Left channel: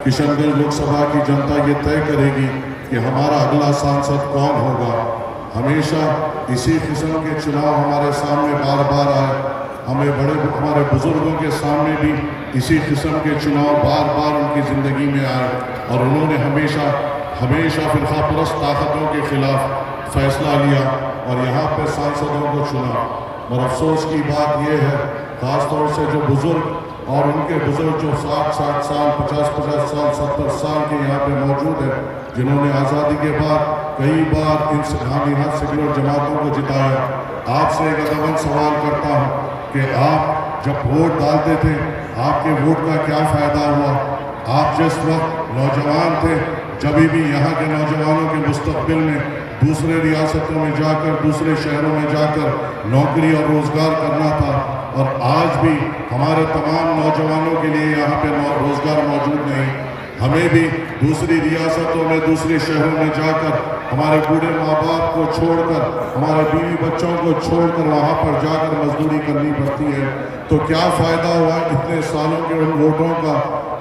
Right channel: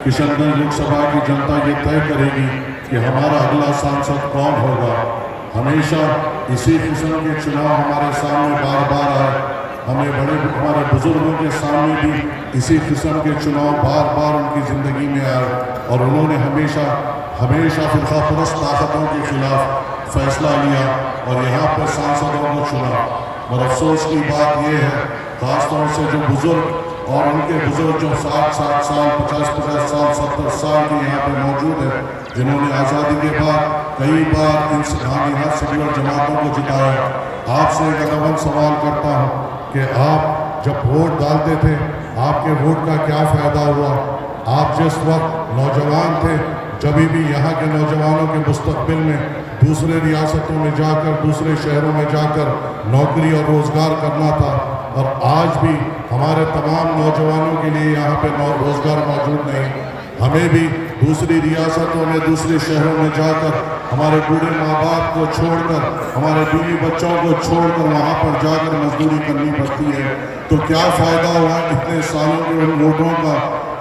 किशनगंज लोकसभा की जनता ये तय करेगी कि हमारा अगला सांसद कौन होगा। हमेशा इसी किस्म के चुनाव हमारे सामने बार बार आए, हमारे बुजुर्गों के सामने भी इसी किस्म के चुनाव बार बार उनकी ज़िंदगी में आए और उन्होंने हमेशा फिरकापरस्त ताकतों के खिलाफ फैसला लिया और यहाँ पर सांसदों को चुना। और अफसोस की बात यह है, खासतौर से जो बुजुर्ग और उनके बुजुर्ग जो 60-60 साल 50-50 साल 70 साल के यहाँ पे मौजूद हैं, जिन्होंने आज़ादी के बाद कई बार इन हाथ सेक्युलर जमातों को जिताया। आपसे एक अमल सवाल करता हूँ कि आप जब वोट डालते थे आपके वोट का क्या फ़ायदा हुआ। आप जिस वक्त नौजवान थे, जब भी यहाँ के नौजवानों के मुस्तकबिल में दूसरे रियासतों में जाकर, दूसरे शहरों में जाकर नौकरी और रोज़गार करना था, और आज भी हमारे तमाम नौजवानों के लिए यहाँ पे रोज़गार मौजूद नहीं। हमें भी दूसरी रियासतों में, दूसरे शहरों में जाकर हमारे बूढ़े माँ बाप को छोड़कर, हमारे बीवी बच्चों को छोड़कर वहाँ पर जाकर मजदूरी करनी पड़ती है। तो क्या फ़ायदा हुआ इतने सालों के उन वोटों का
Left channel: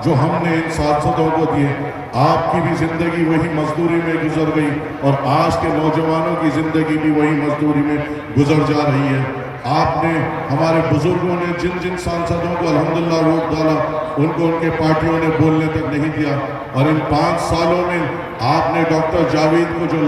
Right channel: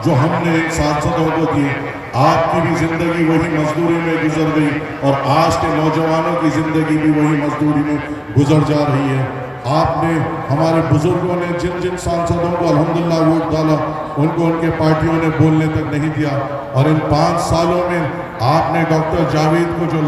जो हमने सांसदों को दिए। आपकी भी ज़िंदगी वही मजदूरी में गुजर गई और आज के नौजवानों की ज़िंदगी भी वही मजदूरी में गुजर जा रही है। आपने, हमारे बुजुर्गों ने जिन जिन सांसदों को अल्हम्दुलिल्लाह वोट डाला, उनको उनके पार्टियों ने बोलने तक नहीं दिया। और इन 5 सालों में आपने डॉक्टर जावेद को जो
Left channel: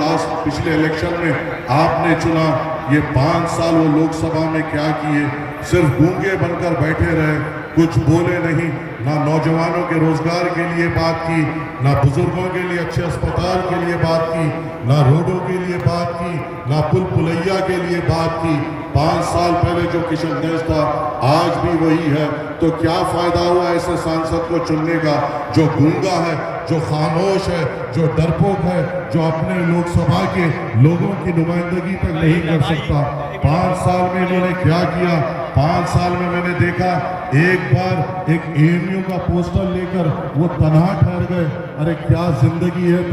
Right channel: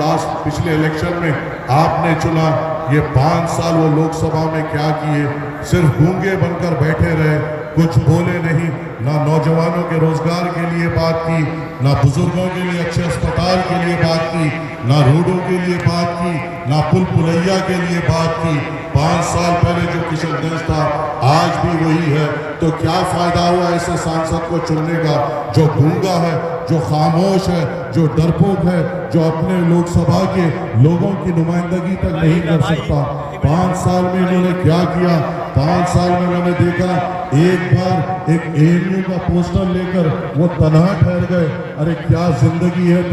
पिछले इलेक्शन में आपने चुना, ये 5 साल वो लोकसभा में क्या किए? सिर्फ गूंगे बनकर बैठे रहे, कुछ बोले नहीं। ना नौजवानों के रोजगार के लिए बात की, ना बुजुर्गों के लिए अच्छे अस्पताल के लिए बात की, ना रोडों के लिए बात की, ना पुल पुलैया के लिए बात की। 5 साल पहले जो किशनगंज था आज भी वही है। तो क्या फ़ायदा हुआ ऐसे सांसद को चुनने का जो गूंगा है, जो खामोश है, जो डरपोक है, जो अपने लोकसभा के लोगों की नुमाइंदगी तक नहीं कर सकता। 5 साल में इन्होंने क्या किया? 5 साल में मैंने देखा एक बार एक ANU का पोस्टर लेकर वो तनहा ठहर गए। अरे क्या जिंदगी है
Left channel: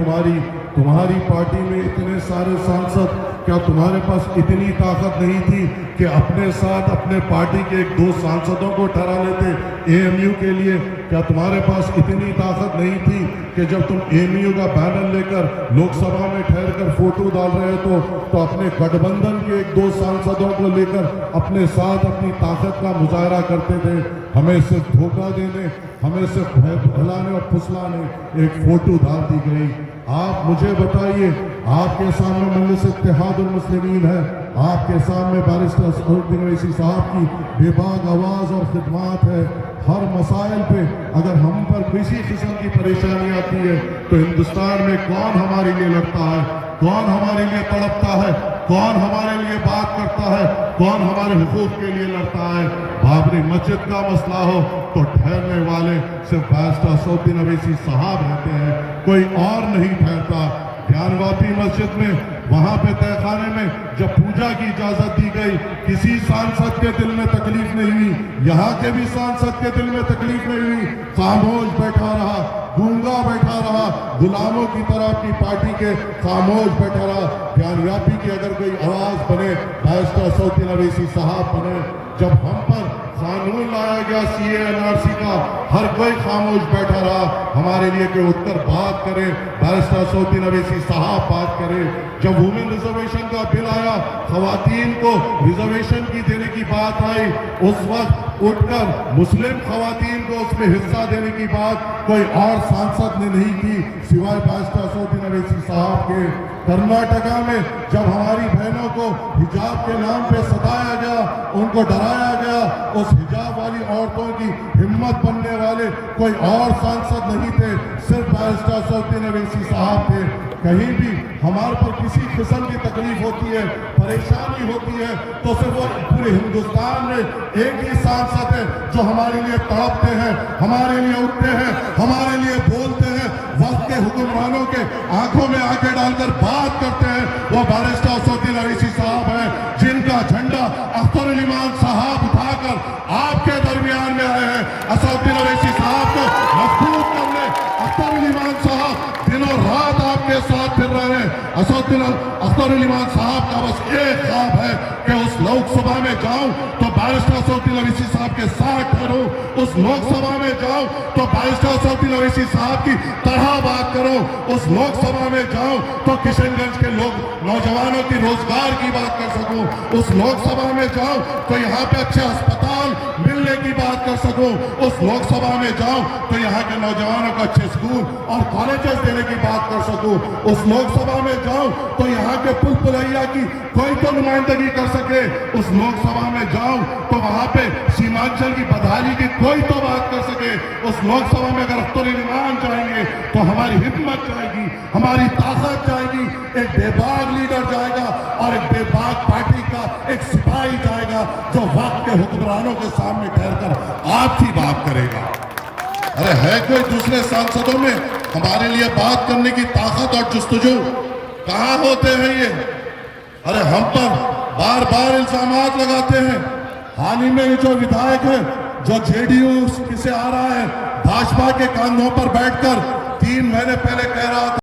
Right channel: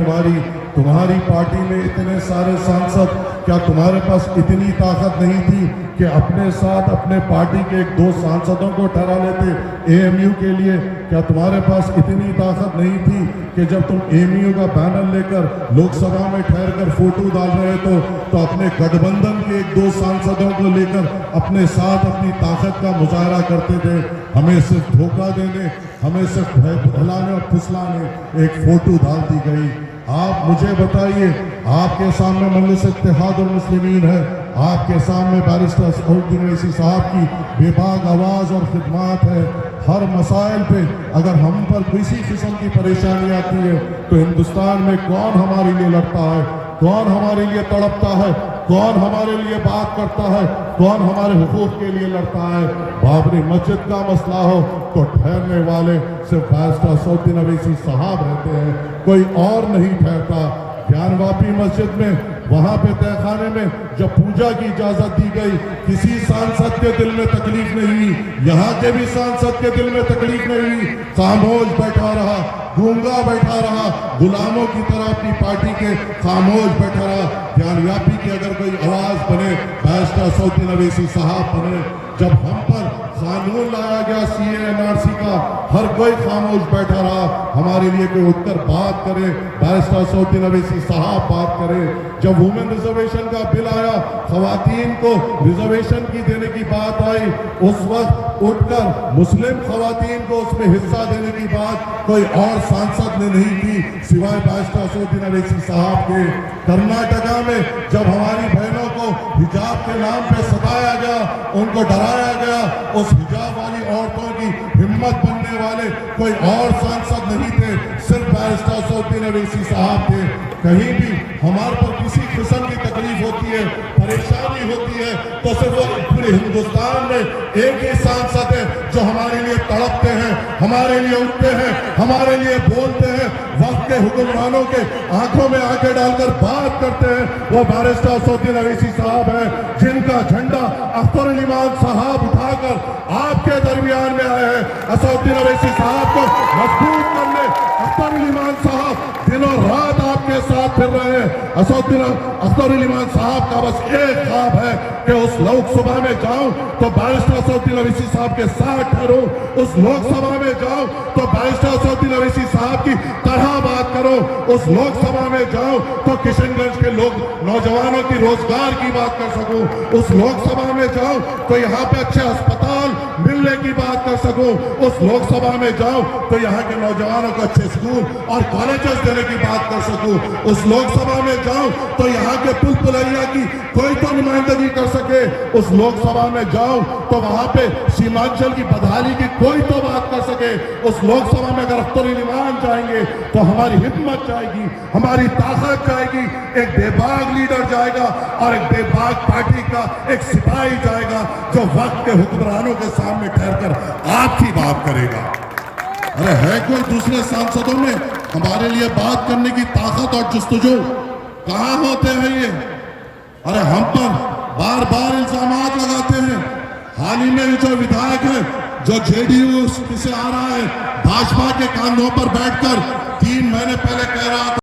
तुम्हारी पार्टी में इतने सारे सांसद, क्या तुम्हारे पास इतनी ताकत नहीं थी कि अपने साथ अपने पार्टी के 1-2 सांसदों को ठहरा लेते AMU के लिए? क्या तुम्हारे पास इतनी ताकत नहीं थी कि जब तुम AMU का बैनर लेकर लोकसभा में ठहर कर फोटो डाल रहे तो अपने गठबंधन के 1-2 सांसदों को लेकर अपने साथ अपनी ताकत का मुजाहरा करते थे? हमें सिर्फ धोखा देने, हमें सिर्फ भुलाने और फुसलाने एक फोटो डाल दी गई। आप मुझे बताइए, आपके सामने मजलिस इत्तेहादुल मुस्लिमीन है, आपके सामने बैरिस्टर असदुद्दीन ओवैसी साहब की बेबाक आवाज़ और खिदमत है। हर मसाइल पे अगर हम पर किसी किस्म की परेशानी आती है तो हिंदुस्तान में कौन हमारे लिए लड़ता है, कौन हमारे लिए तड़पता है, कौन हमारे लिए बात करता है, कौन हमारे हुकूक के लिए लड़ता है? बाबरी मस्जिद का मसला हो तो ठहरने वाले सिर्फ बैरिस्टर असदुद्दीन ओवैसी साहब रहते हैं, कोई और नहीं ठहरता। ज्ञानवापी मस्जिद में, वहाँ पे तहखाने में जब पूजा की इजाजत दी गई, किसी सांसद के दिल में तकलीफ नहीं हुई। यहाँ के भी सांसद के दिल में तकलीफ नहीं हुई, खामोश बैठा रहा, गूंगा बैठा रहा, गुलामों की तरह अपनी पार्टी के खामोश बैठा रहा। ज्ञानव्यापी की अगर कोई आवाज बने, बैरिस्टर असदुद्दीन ओवैसी साहब बने। जब हम पर कानून लाया गया CA-NRC का, हर कोई खामोश बैठा रहा। हमारे लिए कोई उठकर बात करे, बैरिस्टर असदुद्दीन ओवैसी साहब बात करे। जब वुमेन रिजर्वेशन का बिल आया, खवातीन को रिजर्वेशन की देने की बात आई, उस वक्त उठकर मुस्लिम खवातीन को उसमें हिस्सा देने की बात कोई और सांसद ने नहीं की सिवाय बैरिस्टर असदुद्दीन ओवैसी साहब के। कर्नाटका में जब हमारी बहनों को हिजाब के नाम पे सताया गया, उनको डराया गया, उस हिजाब वाली औरतों की हिम्मत बनने वाले कोई और सांसद नहीं थे, सिर्फ बैरिस्टर असदुद्दीन ओवैसी साहब थे। कहीं भी हमारे पर किसी किस्म की तकलीफ होती है, परेशानी होती है, तो सिर्फ पूरे हिंदुस्तान में एक ही सांसद है जो हमारे लिए तड़पते हैं, हमारे लिए उठते हैं, हमारे लिए बोलते हैं, वक्त के हुक्मरानों के आंखों में आंखें डालकर बात करते हैं। वो बैरिस्टर असदुद्दीन ओवैसी साहब हैं, जिनका झंडा अख्तर इमाम साहब उठाकर आपके दरमियान में आए हैं। असदुद्दीन ओवैसी साहब को मजबूत करने अख्तर इमाम साहब दिनों रात आपके साथ फिर रहे हैं। अख्तर इमाम साहब का बस एक ख्वाब है कि उस लोकसभा में जाऊं तो बैरिस्टर असदुद्दीन ओवैसी साहब के साथ ठहरूं, उस लोकसभा में जाऊं तो बैरिस्टर मोहम्मद ओवैसी साहब की तरह बात करो, उस लोकसभा में जाओ तो किशनगंज के लोग नौजवानों की रोजगार की बात कर सको, उस लोकसभा में जाओ तो यहाँ पे अच्छे अस्पताल मिलने की बात कर सको, उस लोकसभा में जाओ तो यहाँ के नौजवानों को अच्छे स्कूल और कॉलेजेस देने की बात कर सको, उस लोकसभा में जाओ तो यहाँ के पुल पुलैया की कोई तो नुमाइंदगी कर सके, उस लोकसभा में जाओ तो वहां पे सीमांचल की बदहाली की कोई तो बात कर सके, उस लोकसभा में अगर अख्तर ईमान जाएंगे तो हमारी हिम्मत जाएगी, हमारी ताकत जाएगी, एक बेबाक लीडर जाएगा और एक बेबाक पार्टी का एक सिपाही जाएगा जो वक्त के हुक्मरानों के सामने ठहरकर आपकी बात करेगा। अरे है कोई दूसरे सांसदों में हमारे लिए बात करने की ताकत और जुस्तजू? कहाँ होते हैं ये? अरे हम पर बार बार इल्जामात लगाते हैं। हाल ही में जो विधायक है जो जेडीयू से आ रहा है, भाजपा के कांधों पर बैठकर 3 महीने पहले कह रहा था